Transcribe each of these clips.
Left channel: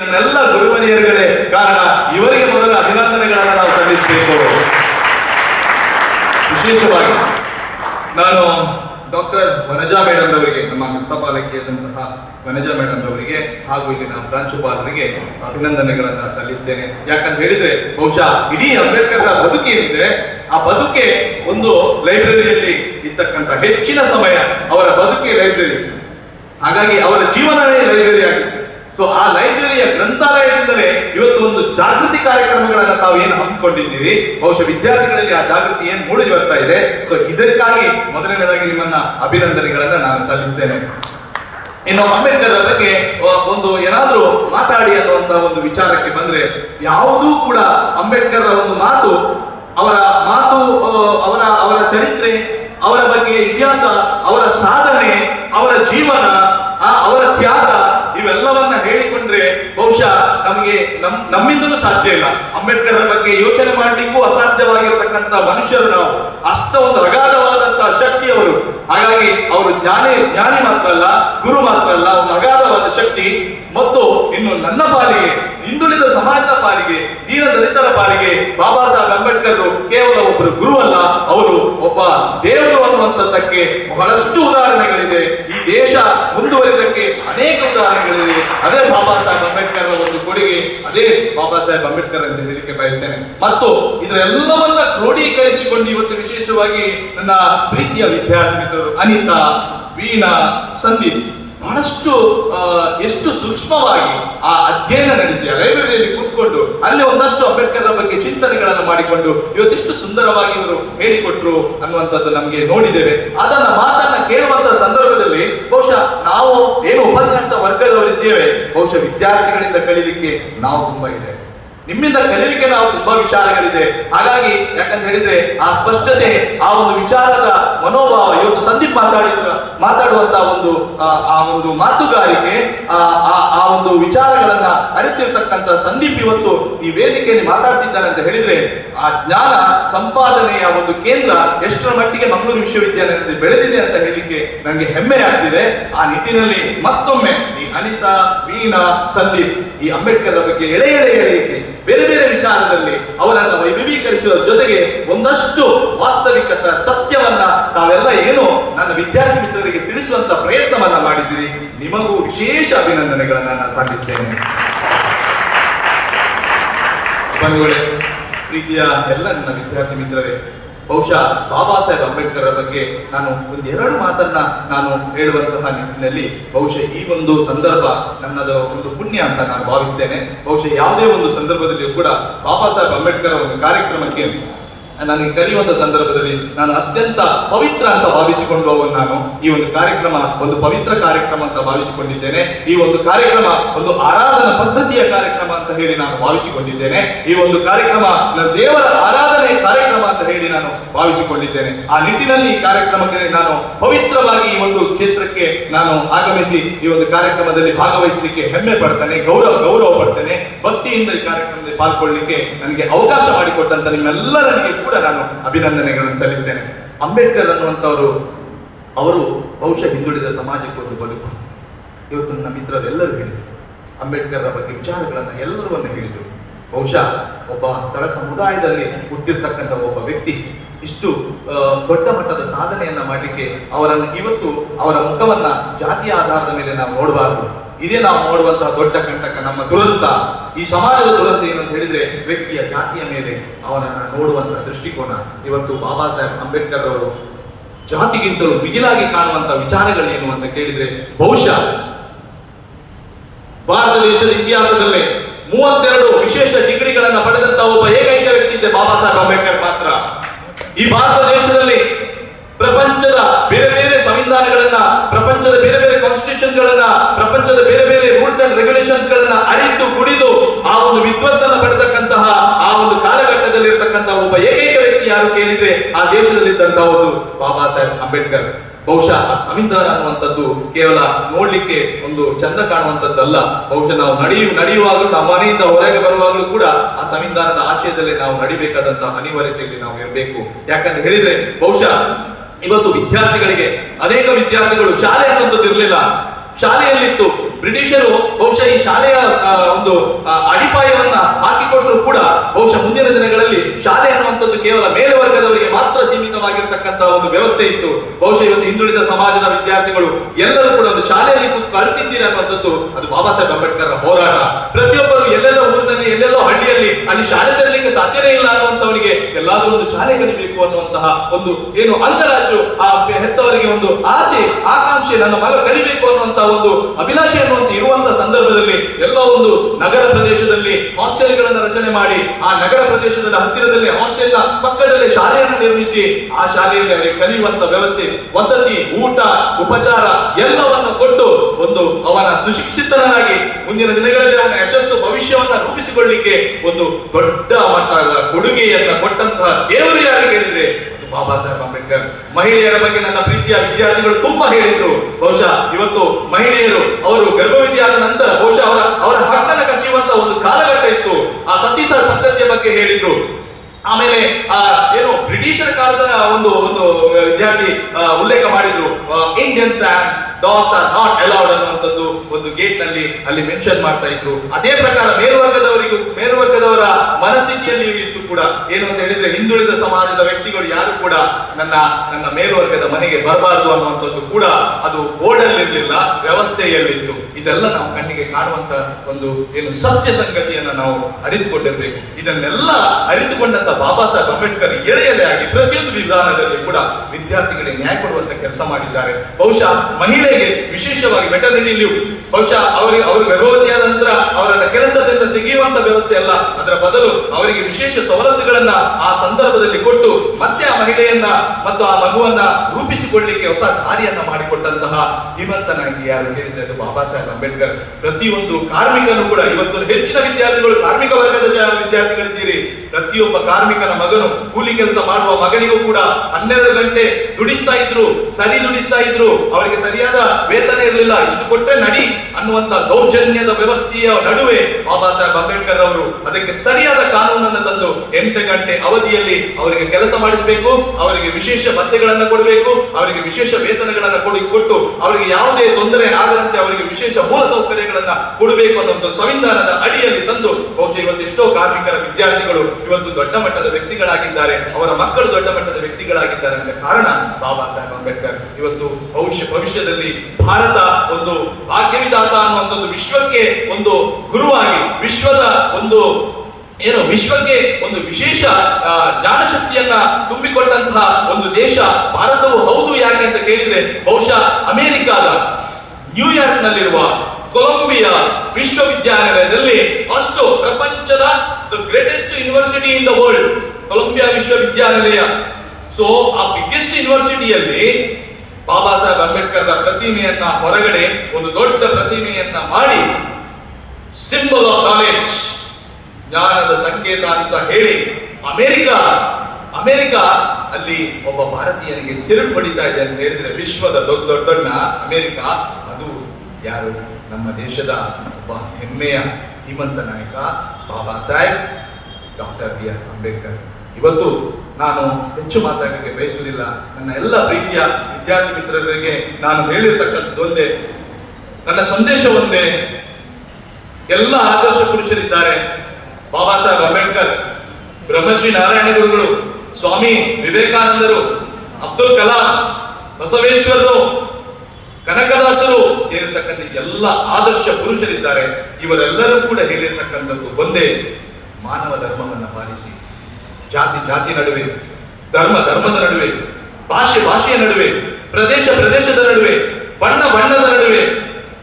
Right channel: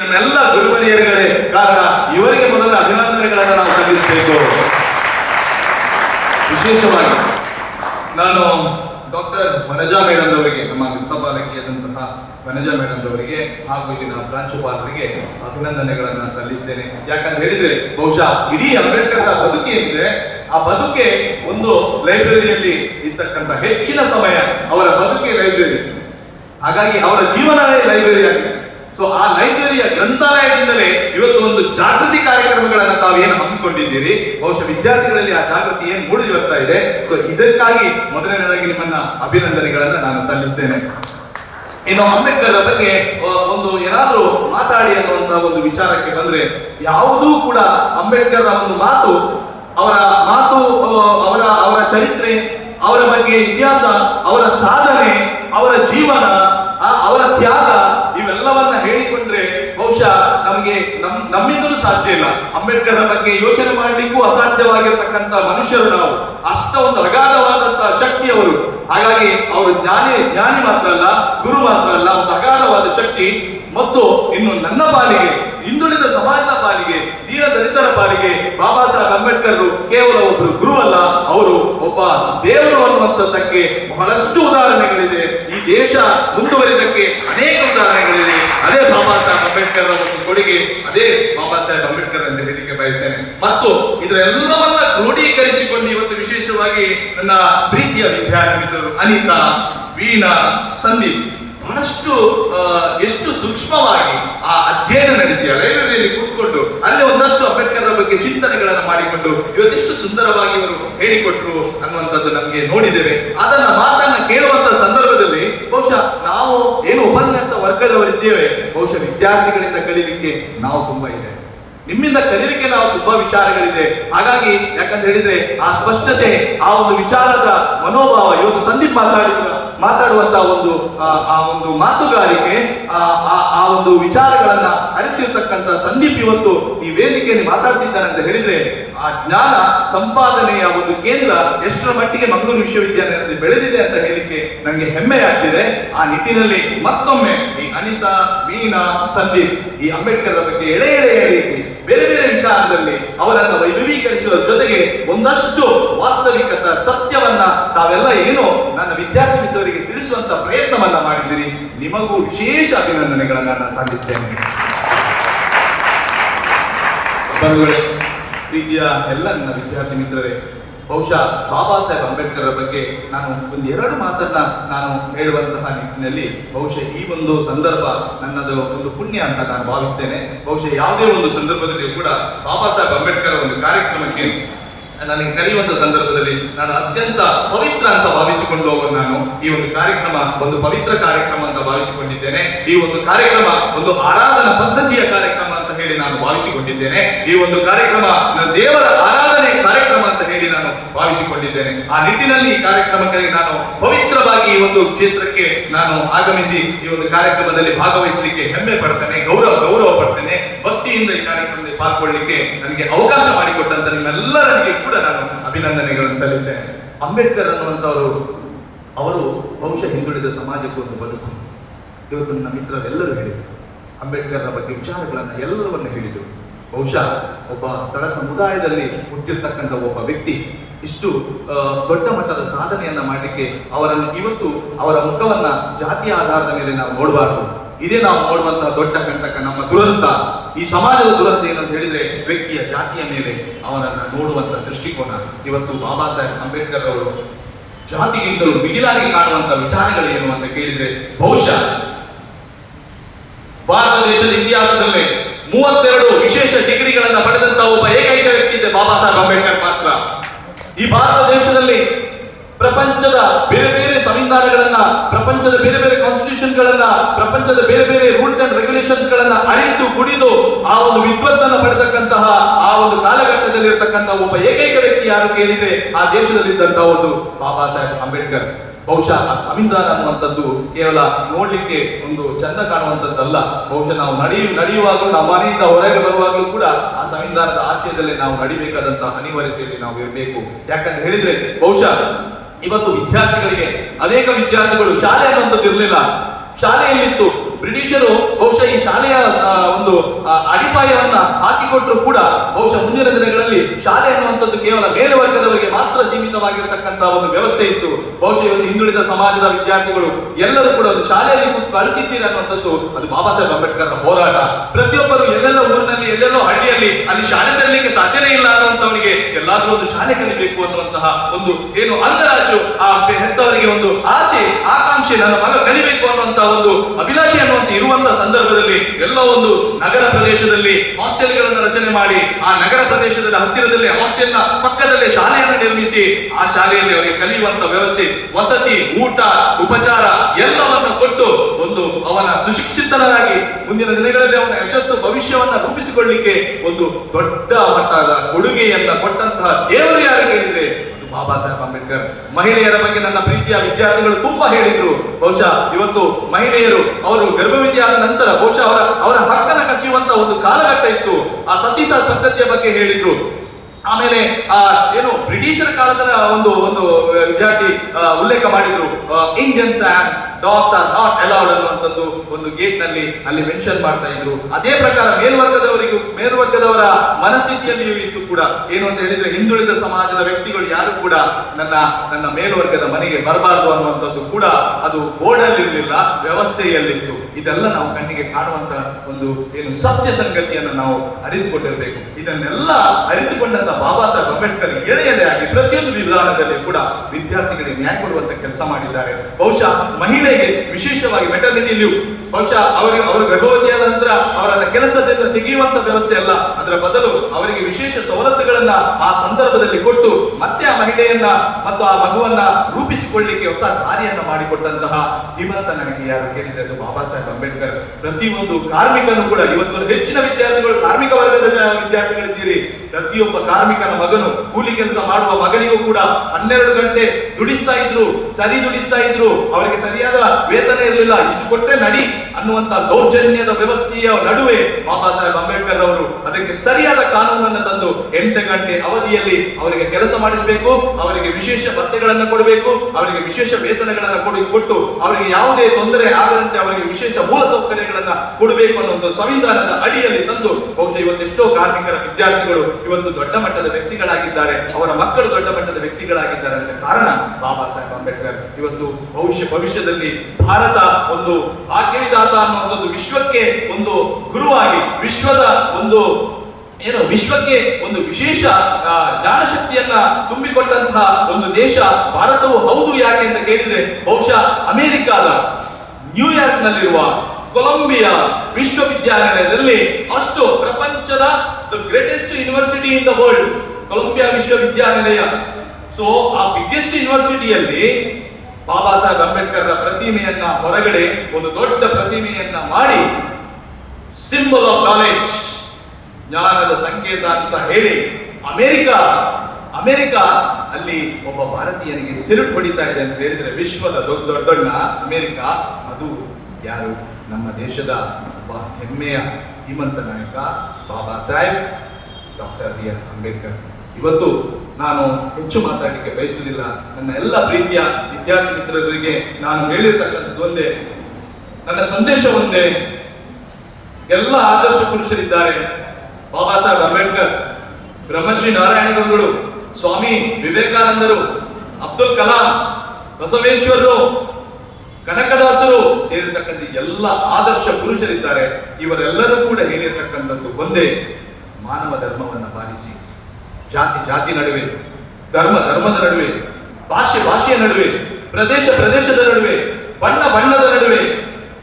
ನನ್ನೆಲ್ಲ ಗುರುವರಿಯರುಗಳೇ ಕಾರಣ. ಇವರಿಗೆ ಮೊದಲ ಅಭಿನಂದನೆಗಳನ್ನು ನಾವು ಸಲ್ಲಿಸಬೇಕು. ವಿಶೇಷವಾಗಿ ನಾನು ಡಾಕ್ಟರ್ ವನಜಾ ಮೇಡಮ್ ಅವರಿಗೆ, ನಮ್ಮ ವೃತ್ತಪಾಲಕಿಯಾದಂತಹ ವನಜಾ ಮೇಡಮ್ ಅವರಿಗೆ ಹಾಗೂ ಇಲ್ಲಿನ ಪ್ರಾಂಶುಪಾಲರಿಗೆ ಅಭಿನಂದನೆಗಳನ್ನು ಸಲ್ಲಿಸ್ತೇನೆ. ಯಾಕಂತ ಹೇಳಿದ್ರೆ ಬಹುಶಃ ಇಡೀ ಅಂಬೇಡ್ಕರ್ ಬದುಕಿ ಏನಿದೆ, ಆ ಬದುಕೆ ಒಂದು ಲೈಬ್ರರಿಯಲ್ಲಿ ಇರ್ತಕ್ಕಂಥ ಹೆಚ್ಚಿನ ಸಮಯ ಅವರ ಬದುಕೆ ಲೈಬ್ರರಿ. ಹಾಗಾಗಿ ಅವರ ಜೀವನವೇ ಲೈಬ್ರರಿ ಆಗಿದೆ. ಸೊ ಆ ಲೈಬ್ರರಿಯ ಗ್ರಂಥಾಲಯದಿಂದಲೇ ಇವತ್ತು ಒಂದು ಜಾಗೃತಿ ಕಾರ್ಯಕ್ರಮಗಳನ್ನು ತಾವು ಏನು ಹಮ್ಮಿಕೊಂಡಿದ್ದೀರಿ, ಬಹುಶಃ ವಿದ್ಯಾರ್ಥಿಗಳಲ್ಲಿ ಆ ಜಾಗೃತಿ ಏನು ಮೂಡಿ ಬರ್ತಾ ಇದೆ. ಸೊ ಇದಕ್ಕಾಗಿ ಮೊದಲನೇದಾಗಿ ನಿಮ್ಮನ್ನ ಅಭಿನಂದನೆಗಳನ್ನ ನಾನು ಸಲ್ಲಿಸ್ತೇನೆ. ಇನ್ನು ಅಂಬೇಡ್ಕರ್ ಬಗ್ಗೆ ಒಂದು ಏನಾದರೂ ಮಾತಾಡಿ ಅನ್ನುವಂತಹ ಒಂದು ವಿಚಾರಕ್ಕೆ ಬಂದ್ರೆ, ಯಾವುದೂ ಕೂಡ ಅಂಬೇಡ್ಕರ್ ಒಂದು ಮಾತು, ಅವರ ಅವರ ಚರಿತ್ರೆ, ಅವರ ಬಗ್ಗೆ ಇತಿಹಾಸ, ಅವರ ಸಾಧನೆ, ಅವರ ಜೀವನ, ಅವರ ತ್ಯಾಗ ಇವೆಲ್ಲವನ್ನ ಹೇಳಿಕೊಂಡ್ರೆ ಬಹುಶಃ ನಮಗೆ ನಮ್ಮಿಂದಲೂ ಸಾಧ್ಯ ಇಲ್ಲ. ಅಂಬೇಡ್ಕರ್ ಬಗ್ಗೆ ಯೋಚನೆ ಮಾಡಲಿಕ್ಕೂ ಅಸಾಧ್ಯವಾಗಿರ್ತಕ್ಕಂಥ ಮನುಷ್ಯರು ನಾವು. ಅಷ್ಟ ಒಂದು ಅಗಾಧವಾದಂತಹ ಶಕ್ತಿಯವರು. ಹಾಗಾಗಿ ಅವರು ಜ್ಞಾನಿ ಮಾತ್ರ ಅಲ್ಲ, ಗುರು ಮಾತ್ರ ಅಲ್ಲ, ಒಂದು ಅಗಾಧವಾದ ಶಕ್ತಿ. ಮತ್ತು ಇನ್ನು ನನ್ನ ಪಾಲಿಗೆ, ಹಿಂದುಳಿದ ಸಮಾಜದ ಪಾಲಿಗೆ, ದೀನ ದಲಿತರ ಪಾಲಿಗೆ ಬಾಬಾ ಸಾಹೇಬ್ ಅಂಬೇಡ್ಕರ್ ಕೇವಲ ಒಬ್ಬರು ಗುರು ಅಲ್ಲ, ಅವರು ಒಬ್ಬ ದೇವರು ಅನ್ನುವಂಥದ್ದಕ್ಕೆ ಬಹಳಷ್ಟು ಉದಾಹರಣೆಗಳಿದೆ. ಈ ದೇಶ ಮುಂದುವರಿದಕ್ಕೆ ಅನೇಕ ಉದಾಹರಣೆಗಳಿದೆ. ಅದೇ ಬಾಬಾ ಸಾಹೇಬ್ ಅಂಬೇಡ್ಕರ್ ಒಂದು ಕೊಡುಗೆ, ಅದೇ ಬಾಬಾ ಸಾಹೇಬ್ ಅಂಬೇಡ್ಕರ್ ಅಂತ ಹೇಳಲಿಕ್ಕೆ ಬಯಸ್ತೇನೆ. ಮತ್ತು ಇದರೆಲ್ಲವನ್ನ ಕ್ರೋಢೀಕರಿಸಿಕೊಂಡು ಇವತ್ತು ವಿಶೇಷವಾಗಿ ನನ್ನ ಪ್ರೀತಿಯ ವಿದ್ಯಾರ್ಥಿ ಮಿತ್ರರು ಅನಿತಾ, ವೀಣಾ, ಸಂದೀಪ್ ಬಹಳಷ್ಟು ಎಷ್ಟು ಸೂಕ್ಷ್ಮವಾಗಿ ಆ ಅಧ್ಯಯನ ನಡೆಸಿ ಆ ಲೈಬ್ರರಿಯಲ್ಲಿ ಕೂತ್ಕೊಂಡು ಅಲ್ಲಿ ಒಂದಷ್ಟು ಅಂಬೇಡ್ಕರ್ ಬಗ್ಗೆ ಚಿಂತನೆಗಳನ್ನು ಮಾಡಿಕೊಂಡು ಇವತ್ತೆಷ್ಟು ಸುಂದರವಾಗಿ ಇವರು ಹೇಳಿಕೊಟ್ರು ಅನ್ನುವಂಥದ್ದು ನಮಗೆ ನೋಡಿದ್ದೇವೆ. ಅದನ್ನ ಮಾತನ್ನ ಕೇಳುವಂತ ಸಂದರ್ಭದಲ್ಲಿ ಬಹುಶಃ ನಾವು ಏನು ಉಪನ್ಯಾಸ ವರ್ಗದವರಿದ್ದೇವೆ, ಬಹುಶಃ ವಿದ್ಯಾರ್ಥಿಗಳಿಂದ ಕಲೀಲಿಕ್ಕೆ ನಾವು ತುಂಬಾ ಇದೆ, ನಿಮ್ಮಿಂದ ಕಲೀಲಿಕ್ಕೆ ನಾವು ತುಂಬಾ ವಿಚಾರಗಳಿದೆ. ಹಾಗಾಗಿ ಯಾಕಂತ ಹೇಳಿದ್ರೆ ಆ ಸ್ಪಷ್ಟತೆ, ಆ ಒಂದು ವಿಚಾರದ ಮನೋಭಾವ, ಇವತ್ತು ಸಂದೀಪ್ ಮಾತಾಡುವಂತಹ ಒಂದು ಮಾತುಗಾರಿಕೆ, ಆ ಒಂದು ವಿಚಾರಗಳನ್ನ ಅರಿತಿರ್ತಕ್ಕಂಥ ಸಂದೀಪ್ ಇವತ್ತು ಈ ವೇದಿಕೆಯಲ್ಲಿ ಮಾತಾಡ್ತಿದ್ದಾನೆ ಅಂತ ಹೇಳಿದ್ರೆ ಆ ಜ್ಞಾನ ಸಂಪಾದನೆಯ ಒಂದು ಕೇಂದ್ರ ಎಷ್ಟರ ಮಟ್ಟಿಗೆ ಮಂಗಳೂರು ವಿಶ್ವವಿದ್ಯಾಲಯದಲ್ಲಿ ಬೆಳೆದಿದೆ ಅಂತ ಹೇಳಿಕ್ಕೆ ನನಗೆ ಹೆಮ್ಮೆ ಆಗ್ತಿದೆ. ಆ ನಿಟ್ಟಿನಲ್ಲಿ ಮತ್ತೊಮ್ಮೆ ಈ ಅನಿತಾ, ವೀಣಾ, ಸಂದೀಪ್ ಈ ಅಂಬೇಡ್ಕರ್ ಬಗ್ಗೆ ಎಳೆ ರೀತಿ ಬೇರೆ ಬೇರೆ ವಿಚಾರದಲ್ಲಿ ಅವರನ್ನು ವೈಭವೀಕರಿಸುವ ಜೊತೆಗೆ ಒಂದಷ್ಟು ವಾಸ್ತವಿಕತೆ ಸತ್ಯವನ್ನ ತಾವೆಲ್ಲ ಏನು ನನ್ನ ವಿದ್ಯಾರ್ಥಿ ಮಿತ್ರರಿಗೆ ತಿಳಿಸುವಂತ ಪ್ರಯತ್ನವನ್ನ ಮಾಡಿದ್ದೀರಿ. ನಿಮಗೂ ವಿಶೇಷ ಅಭಿನಂದನೆಗಳನ್ನ ನಾನು ಸಲ್ಲಿಸ್ತೇನೆ. ಬಂಧುಗಳೇ, ಪ್ರೀತಿಯ ಎಲ್ಲ ನನ್ನ ವಿದ್ಯಾರ್ಥಿ ಮಿತ್ರರೇ, ಬಹುಶಃ ಬಾಬಾ ಸಾಹೇಬ್ ಅಂಬೇಡ್ಕರ್ ಬಗ್ಗೆ ನಾನು ಒಂದೆರಡು ಮಾತನ್ನ ನಾನು ಹೇಳುವಂತಹ ನಿಟ್ಟಿನಲ್ಲಿ ಬಹುಶಃ ಈ ಒಂದು ಸಂದರ್ಭ ನನ್ನದು ಒಂದು ಪುಣ್ಯ ಅಂತ ನಾನು ಭಾವಿಸ್ತೇನೆ. ಬಹುಶಃ ಯಾವುದೇ ಒಂದು ಸಂದರ್ಭದಲ್ಲಿ ಕೂಡ ಬಾಬಾ ಸಾಹೇಬ್ ಅಂಬೇಡ್ಕರ್ ಒಂದು ಕಾರ್ಯಕ್ರಮಕ್ಕೆ ನನಗೆ ಕರೆಯುವಂತ ಸಂದರ್ಭದಲ್ಲಿ ನಾನು ಅತ್ಯಂತ ಪವಿತ್ರ ಅಂತ ಭಾವಿಸಿಕೊಂಡು ನಾನು ಈ ಒಂದು ಕಾರ್ಯಕ್ರಮ ಒಂದು ಪವಿತ್ರ ಕಾರ್ಯಕ್ರಮ ಅಂತ ಭಾವಿಸಿಕೊಂಡಿದ್ದೇನೆ. ಈ ಒಂದು ಕಾರ್ಯಕ್ರಮ ಒಂದು ಆರಾಧನಾ ಪದ್ಧತಿಯ ಕಾರ್ಯಕ್ರಮ ಅಂತ ಹೇಳಿ ನಾನು ಭಾವಿಸಿಕೊಂಡಿದ್ದೇನೆ. ಈ ಒಂದು ಕಾರ್ಯಕ್ರಮ ದೇವರ ಆರಾಧನೆ ಕಾರ್ಯಕ್ರಮ ಅಂತ ಹೇಳಿ ನಾನು ಭಾವಿಸಿಕೊಂಡಿದ್ದೇನೆ. ಆ ನಿಟ್ಟಿನಲ್ಲಿ ಈ ಕಾರ್ಯಕ್ರಮಕ್ಕೆ ನಾನು ಪವಿತ್ರವಾಗಿ ಈ ಒಂದು ಕ್ಷೇತ್ರಕ್ಕೆ ನಾನು ಆಗಮಿಸಿ ಈ ಒಂದು ಕಾರ್ಯಕ್ರಮದಲ್ಲಿ ಭಾಗವಹಿಸಲಿಕ್ಕೆ ಹೆಮ್ಮೆ ಪಡ್ತೇನೆ, ಗೌರವ ಪಡ್ತೇನೆ. ಭಕ್ತಿಯಿಂದ ಈ ಕಾರ್ಯಕ್ರಮದಲ್ಲಿ ಪಾಲ್ಗೊಳ್ಳಿಕ್ಕೆ ನನಗೆ ಅವಕಾಶ ಮಾಡಿಕೊಟ್ಟಂತ ನಿಮ್ಮೆಲ್ಲರಿಗೆ ಕೂಡ ನಾನು ಅಭಿನಂದನೆಗಳನ್ನು ಸಲ್ಲಿಸ್ತೇನೆ. ಅಂಬೇಡ್ಕರ್ ಅನ್ನುವಂಥವರು ಅವರು ಬಹುಶಃ ಹಿಂದುಳಿದ ಸಮಾಜಕ್ಕೆ ಒಂದು ಬದುಕು. ಇವತ್ತು ನನ್ನ ಮಿತ್ರರೆಲ್ಲರೂ ಹೇಳಿದರು, ಅಂಬೇಡ್ಕರ್ ಬಗ್ಗೆ ವಿಚಾರಗಳನ್ನು ಎಲ್ಲವನ್ನ ಹೇಳಿದರು. ಬಹುಶಃ ಒಬ್ಬ ತಳ ಸಮುದಾಯದಲ್ಲಿ ಹುಟ್ಟಿರ್ತಕ್ಕಂಥ ಒಬ್ಬ ವ್ಯಕ್ತಿ ಇಷ್ಟು ದೊಡ್ಡ ಮಟ್ಟದ ಸಾಧನೆಯನ್ನ ಮಾಡಲಿಕ್ಕೆ ಅವರನ್ನು ಇವತ್ತು ಅವರ ಮುಖವನ್ನ ಜಾತಿಯ ಆಧಾರದ ಮೇಲೆ ನಾವು ನೋಡಬಾರದು. ಇದೇ ನಾವು ನೋಡುವಂತಹ ದೊಡ್ಡ ಕಂಟಕ, ನಮ್ಮ ದುರಂತ, ಈ ಸಮಾಜದ ದುರಂತ ಏನಂತ ಹೇಳಿದ್ರೆ ವ್ಯಕ್ತಿಯ ಜಾತಿಯ ಮೇಲೆ ಅವನನ್ನ ನೋಡುವಂತಹ ದೃಷ್ಟಿಕೋನ. ಇವತ್ತು ಬಾಬಾ ಸಾಹೇಬ್ ಅಂಬೇಡ್ಕರ್ ಅವರು ಜಾತಿಗಿಂತಲೂ ಮಿಗಿಲಾಗಿ ಕಾಣುವಂತಹ ವಿಚಾರಗಳೇನು ಅಂತ ಕೇಳಿದ್ರೆ ಬಹುಶಃ ಭಾರತ ದೇಶದ ಇತಿಹಾಸದಲ್ಲಿ 32 ವಿಶೇಷ ಡಿಗ್ರಿಗಳನ್ನ ಪಡೆದಂತಹ ಒಬ್ಬ ಏಕೈಕ ವ್ಯಕ್ತಿ ಇದ್ದೆ ಬಾಬಾ ಸಾಹೇಬ್ ಅಂಬೇಡ್ಕರ್ ಮಾತ್ರ. ಈ ಭಾರತ ದೇಶದಲ್ಲಿ ಪ್ರಪಂಚದ ಬೇರೆ ಬೇರೆ ಸಂವಿಧಾನಗಳನ್ನ, ಪ್ರಪಂಚದ ಬೇರೆ ಬೇರೆ ಕಾನ್ಸ್ಟಿಟ್ಯೂಷನ್ ಗಳನ್ನ, ಪ್ರಪಂಚದ ಬೇರೆ ಬೇರೆ ರೂಲ್ಸ್ ಅಂಡ್ ರೆಗ್ಯುಲೇಷನ್ಸ್ ಗಳನ್ನ ಅರಿತು ಕುಡಿದು ಆ ಒಂದು ವಿದ್ವತ್ತನ್ನ ಪಡೆದಕ್ಕಂತಹ ಆ ಒಂದು ಕಾಲಘಟ್ಟದಲ್ಲಿ ಇರತಕ್ಕಂತಹ ಒಬ್ಬ ಏಕೈಕ ವ್ಯಕ್ತಿ ಯಾರು ಕೇಳಿದ್ರೆ ಆ ದೇಶದಲ್ಲಿದ್ದಂತಹ ಒಂದು ಬಾಬಾ ಸಾಹೇಬ್ ಅಂಬೇಡ್ಕರ್. ಬಹುಶಃ ಆ ಸಂವಿಧಾನ ಅನ್ನುವಂಥದ್ದು ಕೇವಲ ನೋಡ್ಲಿಕ್ಕೆ ಒಂದು ಚಂದ ಕಾಣುವಂಥದ್ದಲ್ಲ. ಬಹುಶಃ ನಾವು ನಡೆಯುವಾಗಲೂ, ನಮ್ಮ ಮನೆಯಿಂದ ಹೊರಗೆ ಬರುವಾಗಲೂ ಕೂಡ ಆ ಸಂವಿಧಾನದ ಆಶಯದಲ್ಲಿ ನಾವು ನಡಿಬೇಕಾದಂತಹ ಅನಿವಾರ್ಯತೆಯಲ್ಲಿ ನಾವು ಇರಬೇಕು. ಯಾಕಂತ ಹೇಳಿದ್ರೆ ಬಹುಶಃ ಇವತ್ತು ವಿದ್ಯಾರ್ಥಿಗಳಿಗೆ, ಅನೇಕ ವಿದ್ಯಾರ್ಥಿಗಳು ಶಾಲೆ ಅನ್ನುವಂಥದ್ದು ಇರಲಿಲ್ಲ, ಶಾಲೆಯಲ್ಲಿತ್ತು. ಬ್ರಿಟಿಷರು ಬಹುಶಃ ಈ ಶಾಲೆಯ ಒಂದು ಅಡಿಪಾಯವನ್ನ ಹಾಕಿಕೊಟ್ಟರು ಕೂಡ ಬಹುಶಃ ಮುಂದಿನ ದಿನಗಳಲ್ಲಿ ಶಾಲೆ ಅನ್ನುವಂಥದ್ದು ಕೇವಲ ಮೇಲ್ವರ್ಗದವರಿಗೆ ಮಾತ್ರ ಸೀಮಿತವಾಗಿರ್ತಕ್ಕಂತಹ ಒಂದು ವ್ಯವಸ್ಥೆ ಇತ್ತು. ಬಹುಶಃ ಇವತ್ತು ಹಿಂದುಳಿದ ಸಮಾಜದ ವಿದ್ಯಾರ್ಥಿಗಳು ಎಲ್ಲರೂ ಕೂಡ ಒಂದು ಶಾಲೆಯಲ್ಲಿ ಕೂತು ಕಲಿತಿದ್ದೀರಿ ಅನ್ನುವಂಥದ್ದು ಅದು ಬಾಬಾ ಸಾಹೇಬ್ ಅಂಬೇಡ್ಕರ್ ಹೋರಾಟ. ಪ್ರತಿಯೊಬ್ಬರು ಎಲ್ಲೆಲ್ಲೋ ಊರಿನಲ್ಲಿ ಎಲ್ಲೆಲ್ಲೋ ಹಳ್ಳಿಯಲ್ಲಿ ಅಲ್ಲಿ ಶಾಲೆ ತರಲಿಕ್ಕೆ ಸಾಧ್ಯನೇ ಇಲ್ಲ ಅನ್ನುವಂಥವನಿಗೆ ಎಲ್ಲಾದ್ರೂ ಒಂದು ಶಾಲೆ ಕಲಿಬೇಕು ಅನ್ನುವಂತಹ ಒಂದು ಏನು ಅಂಗರಾಜು ಆ ಹೆತ್ತವರಿಗೆ ಒಂದು ಆಸೆ ಆಕಾಂಕ್ಷೆ, ನನ್ನ ಮಗ ಕಲಿಬೇಕು ಅನ್ನುವಂತಹ ಒಂದು ಅಭಿಲಾಷೆ ಅನ್ನುವಂತ ಇರುವಂತಹ ಸಂದರ್ಭದಲ್ಲಿ ಎಲ್ಲ ಒಂದು ನಗರ ಪ್ರದೇಶದಲ್ಲಿ ಹಾಸ್ಟೆಲ್ಗಳನ್ನು ರಚನೆ ಮಾಡಿ ಆ ನಗರ ಪ್ರದೇಶದ ಹತ್ತಿರದಲ್ಲಿ ಹಾಸ್ಟೆಲ್ನ ಪಕ್ಕದಲ್ಲೇ ಶಾಲೆಯನ್ನು ನಿರ್ಮಿಸಿ ಆ ಶಾಲೆಯಲ್ಲಿ ಅವರಿಗೆ ಕಲಿಯುವಂತ ವ್ಯವಸ್ಥೆ, ವಸತಿ, ಊಟ, ಉಪಚಾರ ಎಲ್ಲವನ್ನು ಕೊಟ್ಟು ಒಂದು ಅವನ ಸುಶಿಕ್ಷಿತನಾಗಿ ಮುಂದಿನ ದಿನಗಳಲ್ಲಿ ಅವನ ಯಶಸ್ಸು ಭವಿಷ್ಯವನ್ನ ರೂಪಿಸಿಕೊಳ್ಳಿಕ್ಕೆ ಒಂದು ದೊಡ್ಡ ಮಟ್ಟದ ಕೊಡುಗೆಯನ್ನ ಕೊಟ್ಟಂತಹ ದೇವರು ಯಾರು ಹೇಳಿದ್ರೆ ಬಾಬಾ ಸಾಹೇಬ್ ಅಂಬೇಡ್ಕರ್. ಮಹಿಳೆಯರ ಬಗ್ಗೆ ನನ್ನ ಪ್ರೀತಿಯ ವಿದ್ಯಾರ್ಥಿಗಳು ತುಂಬಾ ಹೇಳಿದ್ರು. ಬಹುಶಃ ಇವತ್ತು ಮಹಿಳೆಯರು ಅವರು ಗರ್ಭವತಿಯಾದ ನಂತರ ಬಹುಶಃ ಅವರ ಹಕ್ಕನ್ನು ಕಸಿಯುವಂತ ಒಂದು ಕಾಲಘಟ್ಟ ಇತ್ತು. ಆ ಸತೀಶ ಪದ್ಧತಿಯ ಬಗ್ಗೆ ಹೇಳಿದ್ರು. ಆಮೇಲೆ ಏನು ಬ್ರಿಟಿಷರ ಕಾಲದ ಒಂದು ವಿದ್ಯಾರ್ಥಿ ಉಲ್ಲೇಖ ಮಾಡಿದ್ರು, Indians and dogs are not allowed ಅನ್ನುವಂಥದ್ದು ಒಂದು ಗೇಟ್ ನಲ್ಲಿ ಅಲ್ಲಿ ಮೆನ್ಷನ್ ಮಾಡ್ತಾ ಇದ್ರು. ಅದೇ ಪ್ರಕಾರ ಮೇಲ್ವರ್ಗದವರ ಮನಸ್ಥಿತಿಯಲ್ಲಿಯೂ ಇತ್ತು ಕೂಡ. ಏನು ಅಂತ ಹೇಳಿದ್ರೆ ಹಿಂದುಳಿದ ಸಮಾಜದ ವ್ಯಕ್ತಿಗಳು ಯಾರು ಕೂಡ ನನ್ನ ಮೇಲ್ವರ್ಗದ ಮನೆಗೆ ಬರಬಾರದು ಅನ್ನುವಂಥದ್ದು ಕೂಡ ಅದು ಬೋರ್ಡಲ್ಲಿ ಇರಲಿಲ್ಲ, ವ್ಯವಸ್ಥೆಯಲ್ಲಿತ್ತು. ಇದೆಲ್ಲ ನಾವು ಕಣ್ಣಿಗೆ ಕಾಣುವಂತ ಒಂದು ಏನು ಸತ್ಯ ಸಂಗತಿಯನ್ನ ನಾವು ಅರಿತುಕೊಂಡಿರ್ಬೇಕು. ಇದನ್ನೆಲ್ಲ ಅರಿತುಕೊಂಡಂತ ಬಾಬಾ ಸಾಹೇಬ್ ಅಂಬೇಡ್ಕರ್ ಎಳೆಯಾಗಿ ಪ್ರತಿಯೊಂದು ವಿಧಾನದಲ್ಲಿ ಕೂಡ ವಿದ್ಯಾರ್ಥಿಗಳಿಗೆ ನ್ಯಾಯ ಕೊಡುವಂತ ಕೆಲಸ ಮಾಡಿದ್ದಾರೆ. ಬಹುಶಃ ಮಹಿಳೆಗೆ ವಿಶೇಷವಾಗಿ ಮೆಟರ್ನಿಟಿ ಲೀವ್, ಬಹುಶಃ ಅವರು ಗರ್ಭವತಿಯಾದ ನಂತರ ಅವರನ್ನ ಕೆಲಸದಿಂದ ತೆಗೆಯುವಂತ ವ್ಯವಸ್ಥೆ ಅಲ್ಲ, ಅದರ ಬದಲು ಅವರಿಗೆ ವಿಶೇಷ ಸವಲತ್ತುಗಳನ್ನ ಆ ಸಂದರ್ಭದಲ್ಲಿ ಕೊಟ್ಟು ಮತ್ತೆ ಆ ಮಹಿಳೆಯನ್ನ ಮತ್ತು ಆ ಮಗುವನ್ನ ರೂಪಿಸಿಕೊಳ್ಳಿಕ್ಕೆ ಹೊಸ ಕಾರ್ಯನ್ನ ಮಾಡಿಕೊಟ್ಟಂತಹ ಧೀಮಂತ ನನಗೆ ಯಾರು ಕೇಳಿದ್ರೆ ಅದು ಬಾಬಾ ಸಾಹೇಬ್ ಅಂಬೇಡ್ಕರ್. ಪ್ರತಿಯೊಂದು ಕಾರ್ಮಿಕನು ಕೂಡ ಇವತ್ತು ಹೆಚ್ಚಿನ ವಿದ್ಯಾರ್ಥಿಗಳು ಕಾರ್ಮಿಕ ವರ್ಗದ ವಿದ್ಯಾರ್ಥಿಗಳಿದ್ದೀರಿ. ಪ್ರತಿಯೊಬ್ಬ ಕಾರ್ಮಿಕನ ಮಗನು, ಕೂಲಿ ಕೆಲಸ ಮಾಡುವ ಮಗನಿಗೂ ಕೂಡ 12 ಗಂಟೆ ದುಡಿಸ್ತಾ ಇದ್ರು, ದುಡಿಸ್ತಾ ಇದ್ರು. ಅವರಿಗೆ ಸರಿಯಾದ ವೇತನ ಇರಲಿಲ್ಲ. ಇಷ್ಟು ಕೊಟ್ಟರೆ ನಡಿ ಅನ್ನುವಂತ ದೌರ್ಜನ್ಯದ ವ್ಯವಸ್ಥೆಯ ನಡುವೆ ಬಾಬಾ ಸಾಹೇಬ್ ಅಂಬೇಡ್ಕರ್ ಅವರು ಅದಕ್ಕೆ ಸರಿಯಾದ ಕಾನೂನನ್ನು ತಂದು 8 ಗಂಟೆ ಅವಧಿಯಲ್ಲಿ ಅವರಿಗೆ ಕೆಲಸ ಮಾಡಿಸಬೇಕು, ಅವರಿಗೆ ವಿಶೇಷ ಭತ್ಯೆಗಳನ್ನು ಕೊಡಬೇಕು, ಅವರಿಗೆ ವಿಶೇಷ ವೇತನಗಳನ್ನು ಕೊಟ್ಟು ಅವರಿಗೆ ಯಾವುದೇ ತೊಂದರೆ ಆಗದಂತೆ ಅವರಿಗೆ ವಿಶೇಷ ಮೂಲ ಸೌಕರ್ಯಗಳನ್ನ ಕೊಡಬೇಕು ಅನ್ನೋ ಒಂದು ಸಂವಿಧಾನದ ಅಡಿಯಲ್ಲಿ ತಂದು ಬಹುಶಃ ಇವತ್ತೆಷ್ಟೋ ಕಾರ್ಮಿಕರ ವಿದ್ಯಾರ್ಥಿಗಳು ಇವತ್ತು ದೊಡ್ಡ ಮಟ್ಟದ ವ್ಯಕ್ತಿಗಳಾಗಿದ್ದಾರೆ, ಅವರ ಮಕ್ಕಳು ದೊಡ್ಡ ಮಟ್ಟದ ವ್ಯಕ್ತಿಗಳಾಗಿದ್ದಾರೆ ಅಂತ ಕಾರಣ ಬಾಬಾ ಸಾಹೇಬ್ ಅಂಬೇಡ್ಕರ್. ಇವತ್ತು ಭವಿಷ್ಯದಲ್ಲಿ ಭಾರತ ಒಂದು ಭಾಗ್ಯವಿಧಾತ ಅನ್ನುವಂಥದ್ದು ವಿಶ್ವಕ್ಕೆ ಒಂದು ಗುರುವಾಗಿ ವಿಶ್ವಕ್ಕೆ ಒಂದು ವಿಶೇಷ ಜ್ಞಾನಶಕ್ತಿಯನ್ನ ತುಂಬಿಕೊಟ್ಟಂತಹ ಒಂದು ದೇಶ ಭಾರತವು ಹೌದು. ಯಾಕೆ ಅಂತ ಕೇಳಿದ್ರೆ ಬಹುಶಃ ಅಮೆರಿಕಾದ ನ್ಯೂಯಾರ್ಕ್ ನಲ್ಲಿರುವ ಕೊಲಂಬಿಯಾ ವಿಶ್ವವಿದ್ಯಾಲಯದಲ್ಲಿ ಅಷ್ಟು ಪ್ರಪಂಚದ greatest university in the world Columbia ವಿಶ್ವವಿದ್ಯಾನಿಲಯ. ಸೊ ಆ ಬಿಗ್ಗೆಸ್ಟ್ ಯೂನಿವರ್ಸಿಟಿಯಲ್ಲಿ ಬಾಬಾ ಸಾಹೇಬ್ ಅಂಬೇಡ್ಕರ್ ಪ್ರತಿಮೆಯನ್ನ ಹೊರಗಡೆ ಒಂದು ದೊಡ್ಡ ಪ್ರತಿಮೆಯನ್ನ ಮಾಡಿ ಸಿಂಬಲ್ ಆಫ್ ನಾಲೆಡ್ಜ್, ಜ್ಞಾನದ ಸಂಕೇತ ಅಂತ ಹೇಳಿ ಅಮೆರಿಕ ಅಲ್ಲಿ ಒಬ್ಬ ಭಾರತೀಯನಿಗೆ ಸಿರುಟು ಹೊಡಿತಾ ಇದೆ ಅಂತ ಹೇಳಿದ್ರೆ ವಿಶ್ವದ ದೊಡ್ಡ ಅಮೆರಿಕ ಅದು ಯಾರು? ನಮ್ಮ ದೇಶದ ಒಬ್ಬ ಹೆಮ್ಮೆಯ ಧೀಮಂತ ನಾಯಕ ಬಾಬಾ ಸಾಹೇಬ್ ಡಾಕ್ಟರ್ ಬಿ.ಆರ್. ಅಂಬೇಡ್ಕರ್. ಇವತ್ತು ನಾನು ಹೆಚ್ಚು ಮಾತಾಡಲಿಕ್ಕೆ ಬಯಸುವುದಿಲ್ಲ. ನನ್ನ ಎಲ್ಲ ಪ್ರೀತಿಯ ವಿದ್ಯಾರ್ಥಿ ಮಿತ್ರರಿಗೆ ನಾನು ಹೇಳಿರ್ತಕ್ಕಂಥದ್ದು ಒಂದೇ, ನನ್ನ ಸಂದೇಶ ಒಂದೇ. ಎಲ್ಲ ಆದರ್ಶ ಪುರುಷರಿದ್ದಾರೆ. ಬಾಬಾ ಸಾಹೇಬ್ ಅಂಬೇಡ್ಕರ್, ಬ್ರಹ್ಮಶ್ರೀ ನಾರಾಯಣ ಗುರುಗಳು, ಸ್ವಾಮಿ ವಿವೇಕಾನಂದರು, ಅಬ್ದುಲ್ ಕಲಾಂ, ಬಸವೇಶ್ವರರು, ಕನಕದಾಸರು ಸೇರಿರ್ತಕ್ಕಂಥ ಎಲ್ಲ ಆದರ್ಶ ಪುರುಷರಿದ್ದಾರೆ. ಇವರೆಲ್ಲರೂ ಕೂಡ ಹೇಳಿರ್ತಕ್ಕಂಥದ್ದು ಒಂದೇ, ಮಾನವ ಧರ್ಮವನ್ನು ಪಾಲಿಸಿ. ಜಾತಿ ನಡುವೆ, ಧರ್ಮದ ನಡುವೆ, ಭಾಷೆಯ ನಡುವೆ, ಪ್ರದೇಶದ ನಡುವೆ, ಬಣ್ಣದ ನಡುವೆ,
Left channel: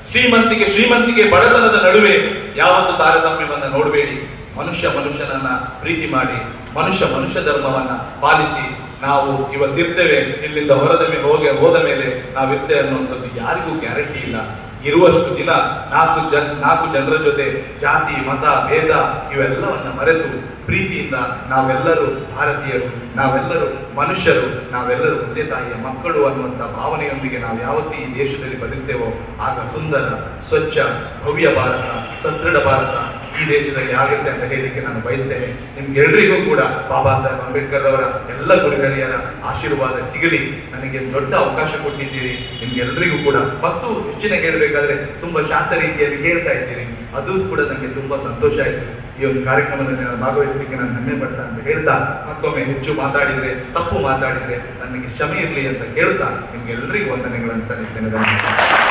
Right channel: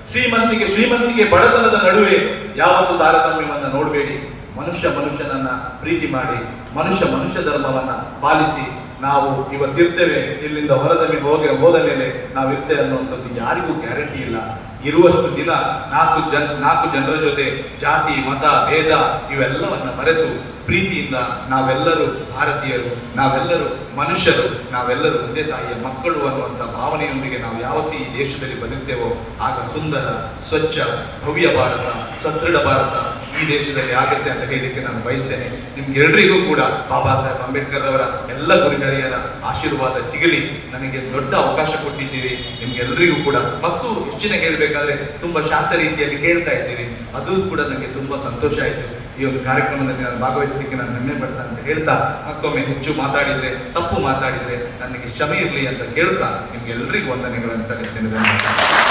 ಶ್ರೀಮಂತಿಕೆ ಬಡತನದ ನಡುವೆ ಯಾವತ್ತು ತಾರತಮ್ಯವನ್ನು ನೋಡಬೇಡಿ. ಮನುಷ್ಯನನ್ನ ಪ್ರೀತಿ ಮಾಡಿ, ಮನುಷ್ಯ ಧರ್ಮವನ್ನ ಪಾಲಿಸಿ ನಾವು ಇವತ್ತಿರ್ತೇವೆ, ಇಲ್ಲಿಂದ ಹೋದ ಮೇಲೆ ನಾವಿರ್ತೇವೆ ಅನ್ನುವಂಥದ್ದು ಯಾರಿಗೂ ಗ್ಯಾರಂಟಿ ಇಲ್ಲ. ಇರುವಷ್ಟು ದಿನ 4 ಜನರ ಜೊತೆ ಜಾತಿ, ಮತ, ಭೇದ ಇವೆಲ್ಲವನ್ನ ಮರೆತು ಪ್ರೀತಿಯಿಂದ ನಾವೆಲ್ಲರೂ ಭಾರತೀಯರು, ನಾವೆಲ್ಲರೂ ಮನುಷ್ಯರು, ನಾವೆಲ್ಲರೂ ಒಂದೇ ತಾಯಿಯ ಮಕ್ಕಳು ಅನ್ನುವಂಥ ಭಾವನೆಯೊಂದಿಗೆ ನಾವು ಯಾವತ್ತೂ ಈ ದೇಶದಲ್ಲಿ ಬದುಕ್ತೇವೋ ಆಗ ಸುಂದರ, ಸ್ವಚ್ಛ, ಭವ್ಯ ಭಾರತ, ಸದೃಢ ಭಾರತ ಈ ದೇಶದಲ್ಲಿ ಆಗುತ್ತೆ ಅಂತ ಹೇಳಿಕ್ಕೆ ನಾನು ಬಯಸ್ತೇನೆ. ನಿಮ್ಗೆಲ್ರಿಗೂ ಕೂಡ ಬಾಬಾ ಸಾಹೇಬ್ ಅಂಬೇಡ್ಕರ್ ಅವರ ಎಲ್ಲ ಗುರುಗಳಿಯರ ಆಶೀರ್ವಾದ ಸಿಗಲಿ. ನನಗೆ ದೊಡ್ಡ ಅವಕಾಶ ಕೊಟ್ಟಿದ್ದೀರಿ. ನಿಮ್ಗೆಲ್ರಿಗೂ ಕೂಡ ಮತ್ತು ಹೆಚ್ಚಿನ ಹೇಳ್ಬೇಕಾದ್ರೆ ತುಂಬಾ ಶಾಂತ ರೀತಿಯಲ್ಲಿ ಕೇಳ್ತಾ ಇದ್ದೀರಿ. ಅದು ಕೂಡ ನನಗೆ ತುಂಬಾ ಸಂತೋಷ ಆಯಿತು. ಈ ಒಂದು ಕಾರ್ಯಕ್ರಮದಲ್ಲಿ ನಾನು ಭಾಗವಹಿಸಲಿಕ್ಕೆ ನಾನು ಹೆಮ್ಮೆ ಪಡ್ತಾ ಅಂತ ಹೇಳ್ತಾ, ಮತ್ತೊಮ್ಮೆ ಹೆಚ್ಚು ಮಾತಾಡಿದ್ರೆ, ತಪ್ಪು ಮಾತಾಡಿದ್ರೆ ನನಗೆ ಕ್ಷಮೆ ಇರಲಿ ಅಂತ ಕೇಳ್ತಾ ನಿಮ್ಗೆಲ್ರಿಗೂ ವಂದನೆಗಳನ್ನು ಸಲ್ಲಿಸ್ತೇನೆ. ಧನ್ಯವಾದ.